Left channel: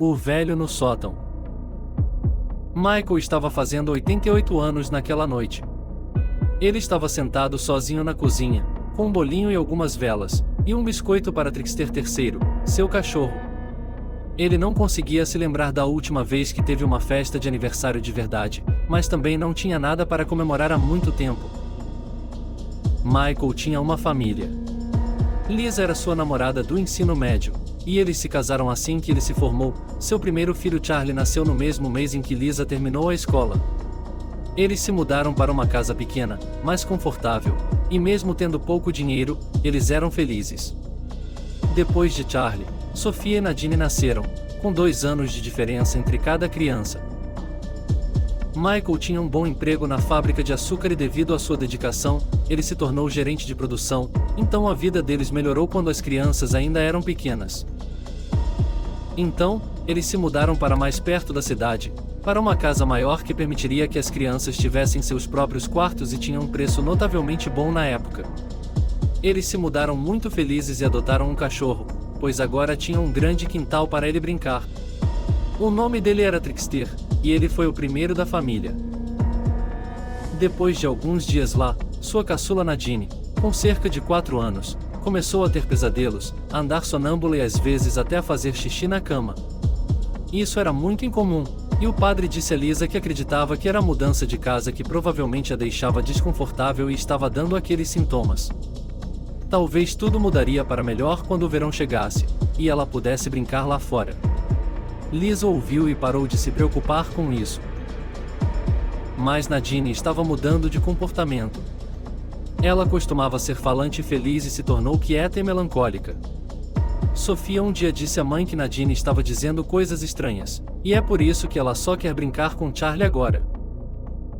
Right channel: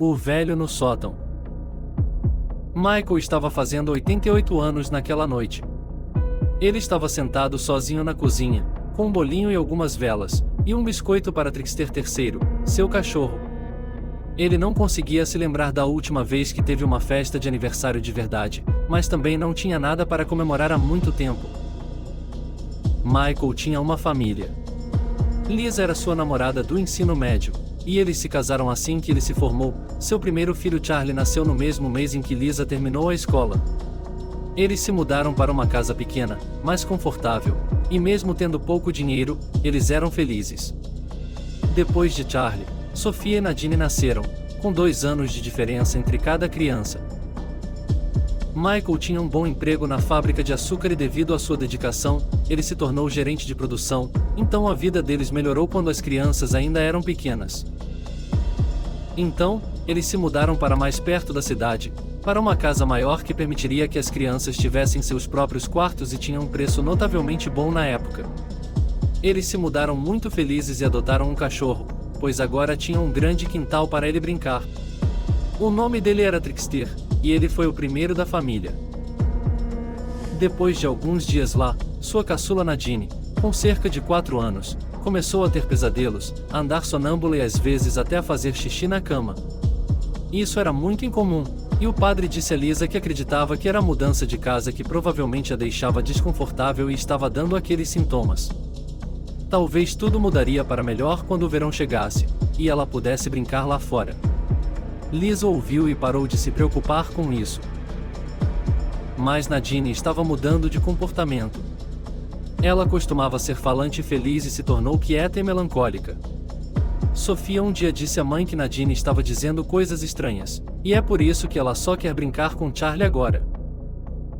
O velho no sótão. Michael estava fazendo 88 anos naquela noite. Ele estava sentado sozinho na cozinha, com um bolinho e algumas velas, e um biscoito para Trickster III, seu cachorro. Ele não conseguia se lembrar da última vez que teve uma festa de aniversário de verdade, mas também não tinha nada para comemorar há muito tempo. Michael tinha uma família. Liz era sua namorada do ensino médio, e eles se casaram assim que ele se formou. Seu primeiro filho Charlie nasceu no mesmo mês em que Lisa terminou a escola. Eles se mudaram para uma casa pequena, mais confortável, e mesmo tendo pouco dinheiro, eles eram felizes. Depois de Charlie, Sofia e Nadine nasceram, com 2 anos de diferença entre cada criança. Michael tinha um bom emprego na fábrica de açúcar e devido à sua dedicação, ele se tornou gerente de produção, então a vida deles melhorou quando as crianças ainda eram pequenas. Então, eles se mudaram para mais perto da cidade, para uma casa maior que permitiria que as crianças tivessem seus próprios quartos e tinha um preço notavelmente bom na época. Eles se mudaram muito felizes e adotaram um cachorro, pois agora tinham um grande quintal para ele brincar. O nome dele era Trickster, e ele foi o primeiro da família. Depois de alguns dias lá, sua caçula Nadine, com cerca de 4 anos, começou a ter pesadelos, a andar sonâmbula e às vezes até a fazer xixi na cama. Isso era muito incomum, e o padre disse a Lisa que acreditava que era a mudança de casa que provavelmente a deixava desconfortável e estava dando aqueles sintomas. Talvez tudo mudaria para melhor quando o verão chegasse, e ela pudesse brincar lá fora. Lisa ouviu e parou de se preocupar com isso. Mas Nadine estava mudando de comportamento. Ela costumava ser falante e feliz e se tornou quieta e melancólica. Sofia um dia disse à mãe que Nadine estava dizendo coisas estranhas, e é por isso que ela só quer brincar com Charlie agora.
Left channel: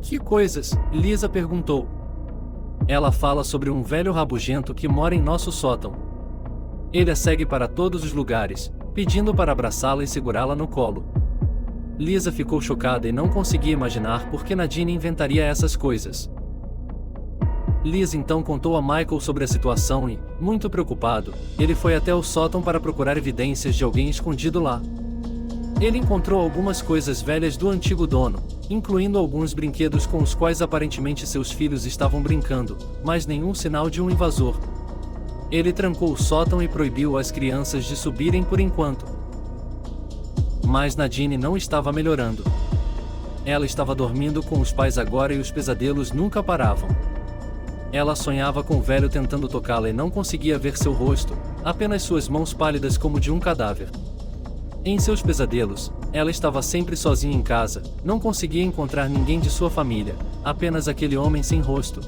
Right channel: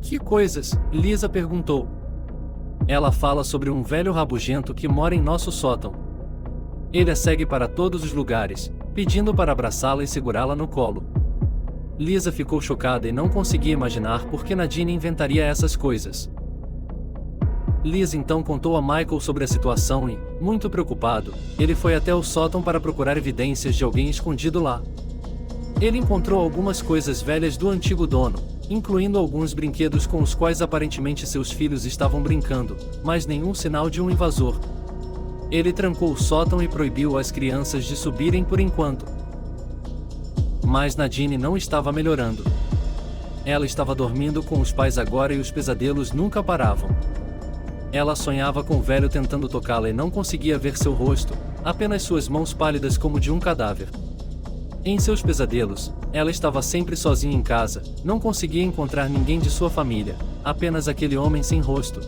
Que coisas? Lisa perguntou. Ela fala sobre um velho rabugento que mora em nosso sótão. Ele a segue para todos os lugares, pedindo para abraçá-la e segurá-la no colo. Lisa ficou chocada e não conseguia imaginar por que Nadine inventaria essas coisas. Lisa então contou a Michael sobre a situação e, muito preocupado, ele foi até o sótão para procurar evidências de alguém escondido lá. Ele encontrou algumas coisas velhas do antigo dono, incluindo alguns brinquedos com os quais aparentemente seus filhos estavam brincando, mas nenhum sinal de um invasor. Ele trancou o sótão e proibiu as crianças de subirem por enquanto. Mas Nadine não estava melhorando. Ela estava dormindo com os pais agora e os pesadelos nunca paravam. Ela sonhava com o velho tentando tocá-la e não conseguia ver seu rosto, apenas suas mãos pálidas como de um cadáver. Em seus pesadelos, ela estava sempre sozinha em casa, não conseguia encontrar ninguém de sua família, apenas aquele homem sem rosto.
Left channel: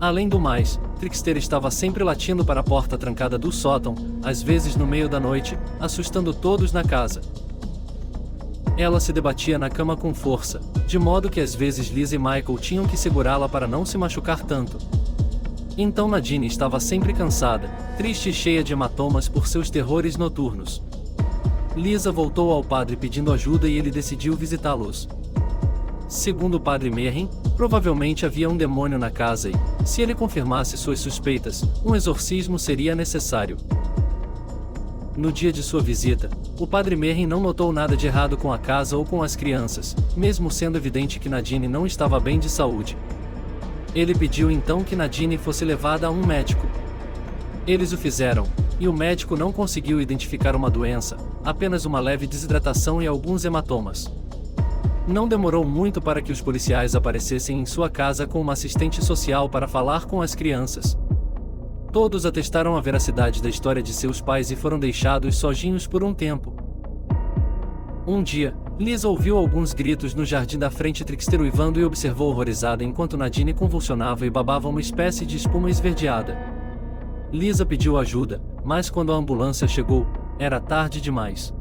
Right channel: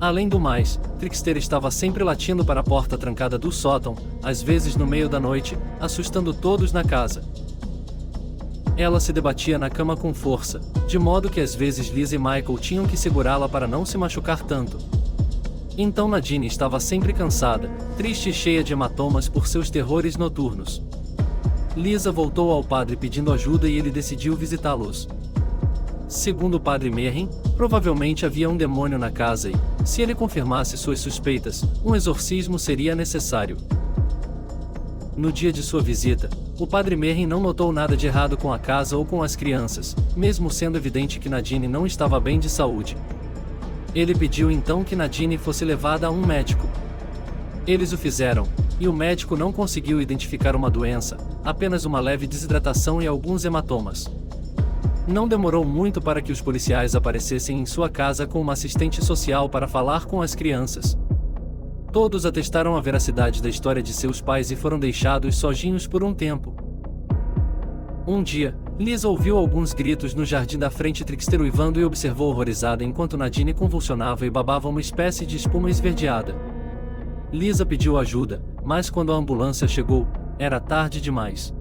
Além do mais, Trickster estava sempre latindo para a porta trancada do sótão, às vezes no meio da noite, assustando todos na casa. Ela se debatia na cama com força, de modo que às vezes Liz e Michael tinham que segurá-la para não se machucar tanto. Então Nadine estava sempre cansada, triste e cheia de hematomas por seus terrores noturnos. Lisa voltou ao padre pedindo ajuda e ele decidiu visitá-los. Segundo o padre Merrin, provavelmente havia um demônio na casa e, se ele confirmasse suas suspeitas, um exorcismo seria necessário. No dia de sua visita, o padre Merrin não notou nada de errado com a casa ou com as crianças, mesmo sendo evidente que Nadine não estava bem de saúde. Ele pediu então que Nadine fosse levada a um médico. Eles o fizeram, e o médico não conseguiu identificar uma doença, apenas uma leve desidratação e alguns hematomas. Não demorou muito para que os policiais aparecessem em sua casa com uma assistente social para falar com as crianças. Todos atestaram a veracidade da história de seus pais e foram deixados sozinhos por um tempo. Um dia, Liz ouviu alguns gritos no jardim da frente, Trickster uivando e observou horrorizada enquanto Nadine convulsionava e babava uma espécie de espuma esverdeada. Lisa pediu ajuda, mas quando a ambulância chegou, era tarde demais.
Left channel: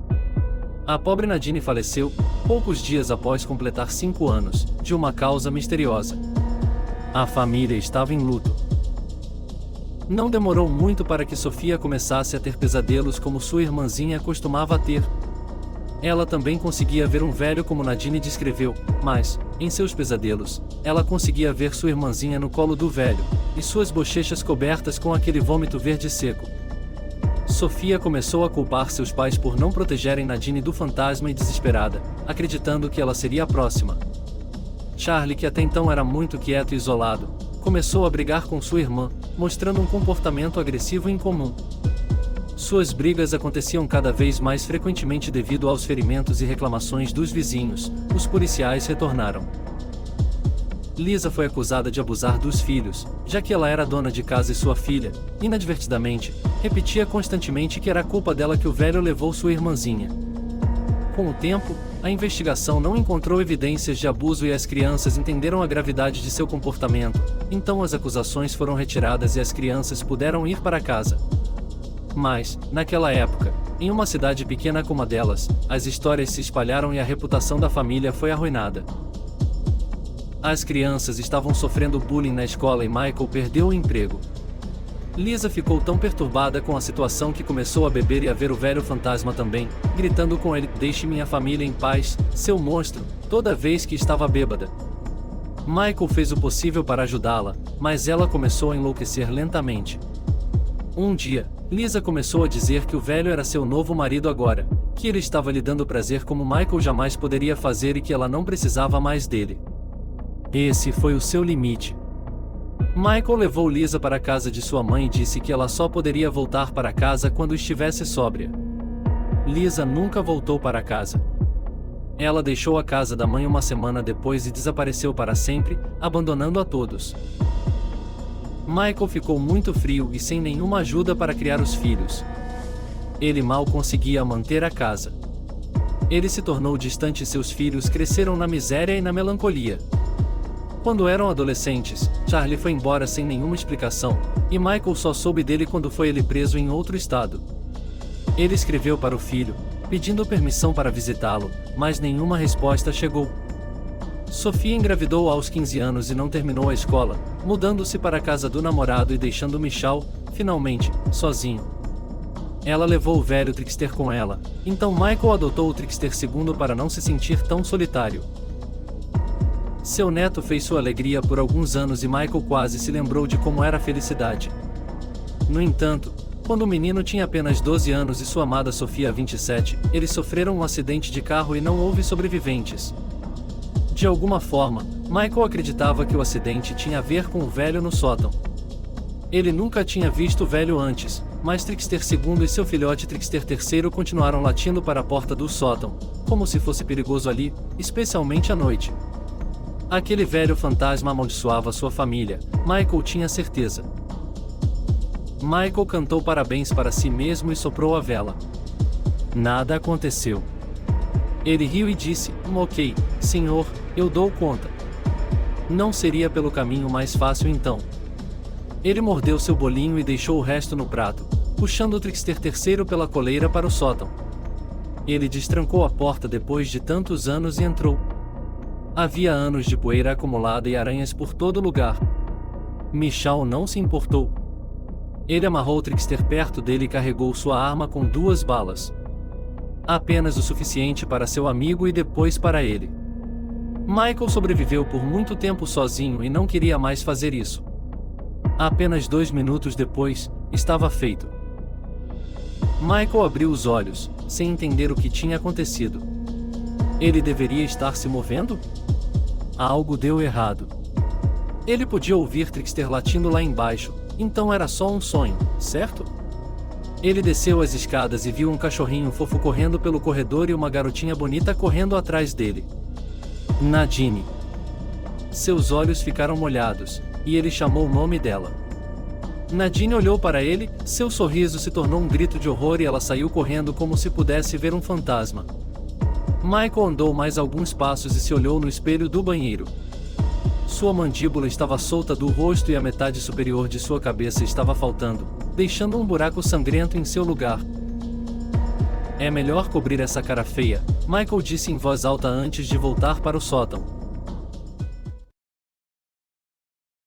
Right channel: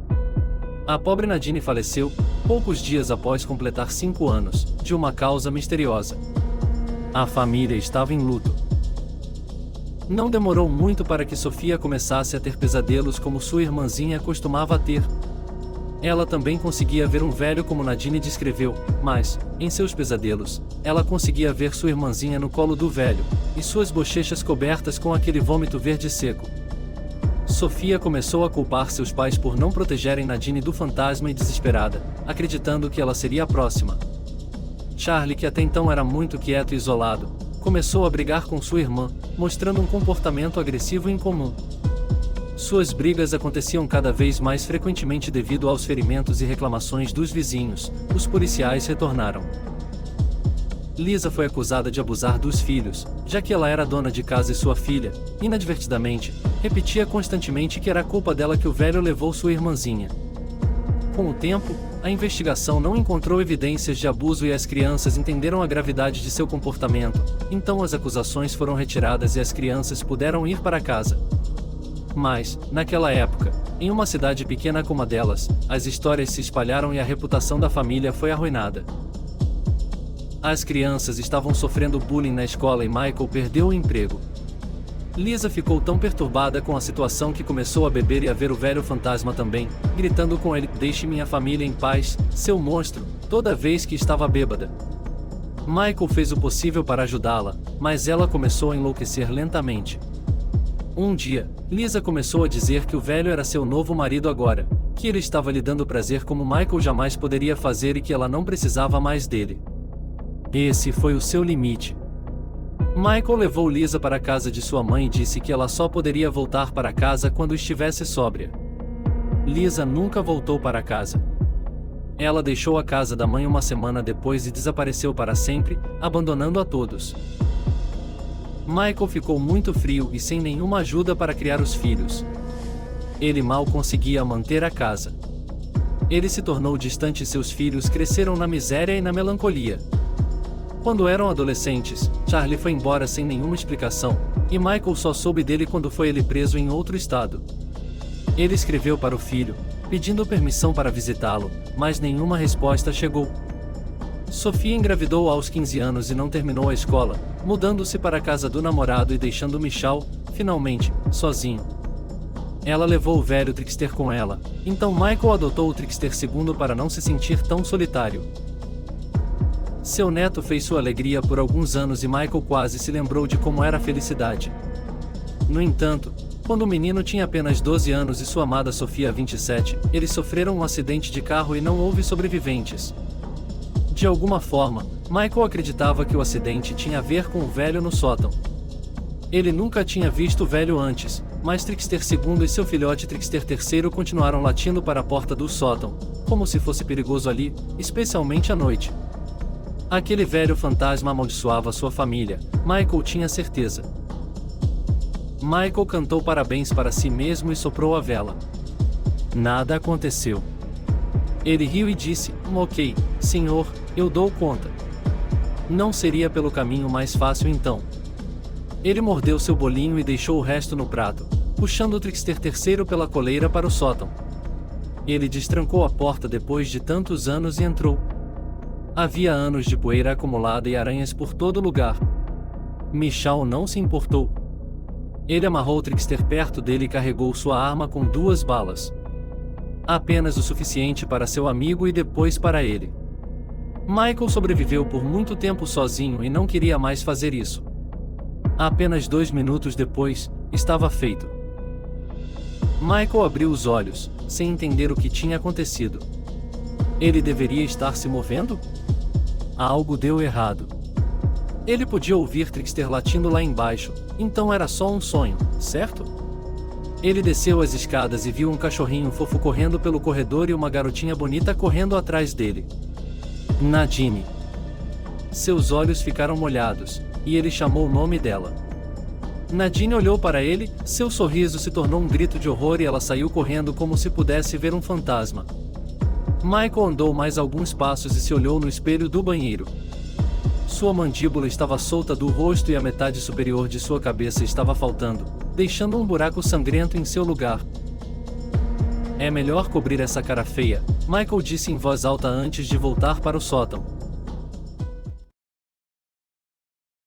A pobre Nadine faleceu poucos dias após completar 5 anos, de uma causa misteriosa. A família estava em luto. Não demorou muito para que Sofia começasse a ter pesadelos como sua irmãzinha costumava ter. Ela também conseguia ver um velho como Nadine descreveu, mas, em seus pesadelos, ela conseguia ver sua irmãzinha no colo do velho, e suas bochechas cobertas com aquele vômito verde seco. Sofia começou a culpar seus pais por não protegerem Nadine do fantasma e desesperada, acreditando que ela seria a próxima. Charlie, que até então era muito quieto e isolado, começou a brigar com sua irmã, mostrando um comportamento agressivo e incomum. Suas brigas aconteciam cada vez mais frequentemente devido aos ferimentos e reclamações dos vizinhos. Os policiais retornaram. Lisa foi acusada de abusar dos filhos, já que ela era dona de casa e sua filha, inadvertidamente, repetia constantemente que era culpa dela que o velho levou sua irmãzinha. Com o tempo, a investigação não encontrou evidências de abuso e as crianças entenderam a gravidade de seu comportamento, então as acusações foram retiradas e as crianças puderam ir para casa. Mas, naquela época, em uma cidade pequena como a delas, as histórias se espalharam e a reputação da família foi arruinada. As crianças estavam sofrendo bullying na escola e Michael perdeu o emprego. Lisa ficou tão perturbada com a situação que começou a beber e a ver o velho fantasma também, gritando com ele: "Deixe minha família em paz, seu monstro", toda vez que estava bêbada. Michael fez o possível para ajudá-la, mas ela começou a enlouquecer lentamente. Um dia, Lisa começou a dizer que o velho era seu novo marido agora, que ele estava lhe dando prazer como Michael jamais poderia fazer e que ela não precisava mais dele. Esse foi o seu limite. Michael levou Lisa para a casa de sua mãe e disse que ela só poderia voltar para casa quando estivesse sóbria. Lisa nunca voltou para casa. Ela deixou a casa da mãe uma semana depois e desapareceu para sempre, abandonando a todos. Michael ficou muito frio e sem nenhuma ajuda para criar os filhos. Ele mal conseguia manter a casa. Ele se tornou distante e seus filhos cresceram na miséria e na melancolia. Quando eram adolescentes, Charlie foi embora sem nenhuma explicação, e Michael só soube dele quando foi ele preso em outro estado. Ele escreveu para o filho, pedindo permissão para visitá-lo, mas nenhuma resposta chegou. Sofia engravidou aos 15 anos e não terminou a escola, mudando-se para a casa do namorado e deixando Michal, finalmente, sozinho. Ela levou o velho Trickster com ela, então Michael adotou o Trickster II para não se sentir tão solitário. Seu neto fez sua alegria por alguns anos e Michael quase se lembrou de como era a felicidade. No entanto, quando o menino tinha apenas 12 anos e sua amada Sofia 27, eles sofreram um acidente de carro e não houve sobreviventes. De alguma forma, Michael acreditava que o acidente tinha a ver com o velho no sótão. Ele nunca tinha visto o velho antes, mas Trickster II e seu filhote Trickster III continuaram latindo para a porta do sótão, como se fosse perigoso ali, especialmente à noite. Aquele velho fantasma amaldiçoava sua família, Michael tinha certeza. Michael cantou parabéns para si mesmo e soprou a vela. Nada aconteceu. Ele riu e disse: "Ok, senhor, eu dou conta." Não seria pelo caminho mais fácil então. Ele mordeu seu bolinho e deixou o resto no prato, puxando o Trickster III pela coleira para o sótão. Ele destrancou a porta depois de tantos anos e entrou. Havia anos de poeira acumulada e aranhas por todo lugar. Michal não se importou. Ele amarrou o Trickster perto dele e carregou sua arma com 2 balas. Apenas o suficiente para seu amigo e depois para ele. Michael sobreviveu por muito tempo sozinho e não queria mais fazer isso. Apenas 2 minutos depois, estava feito. Michael abriu os olhos, sem entender o que tinha acontecido. Ele deveria estar se movendo? Algo deu errado. Ele podia ouvir Trickster latindo lá embaixo, então era só um sonho, certo? Ele desceu as escadas e viu um cachorrinho fofo correndo pelo corredor e uma garotinha bonita correndo atrás dele. Nadine. Seus olhos ficaram molhados, e ele chamou o nome dela. Nadine olhou para ele, seu sorriso se tornou um grito de horror e ela saiu correndo como se pudesse ver um fantasma. Michael andou mais alguns passos e se olhou no espelho do banheiro. Sua mandíbula estava solta do rosto e a metade superior de sua cabeça estava faltando, deixando um buraco sangrento em seu lugar. "É melhor cobrir essa cara feia", Michael disse em voz alta antes de voltar para o sótão.